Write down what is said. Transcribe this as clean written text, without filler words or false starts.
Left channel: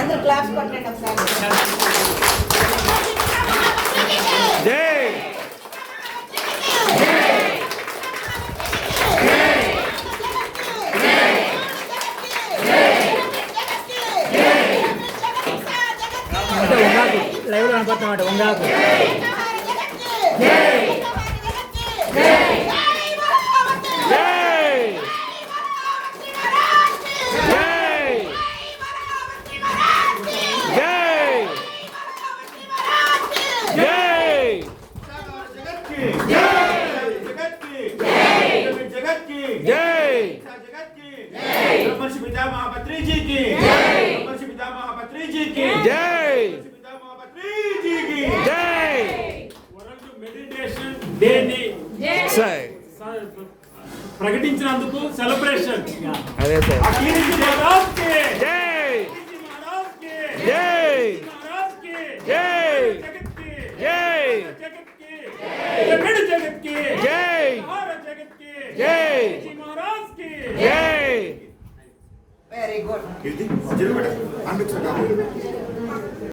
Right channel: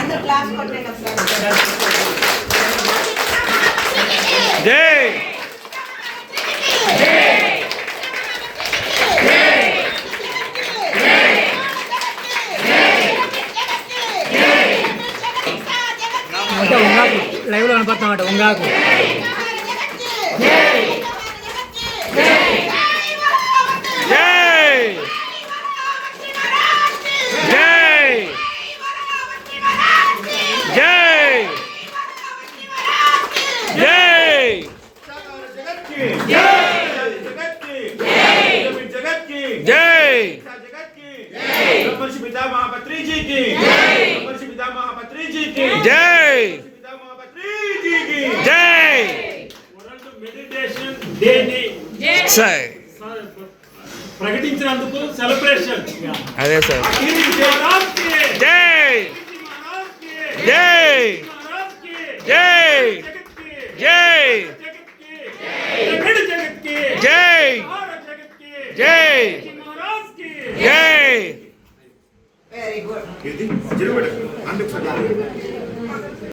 అందరు క్లాస్ కొట్టండి ఒకసారి. జై లైవ్ లో కనపడుతున్నమాట వంగాకు. ప్రకటించినందుకు సెలబ్రేషన్. అదే సార్. జై జై జై జై జై జై జై. Very good.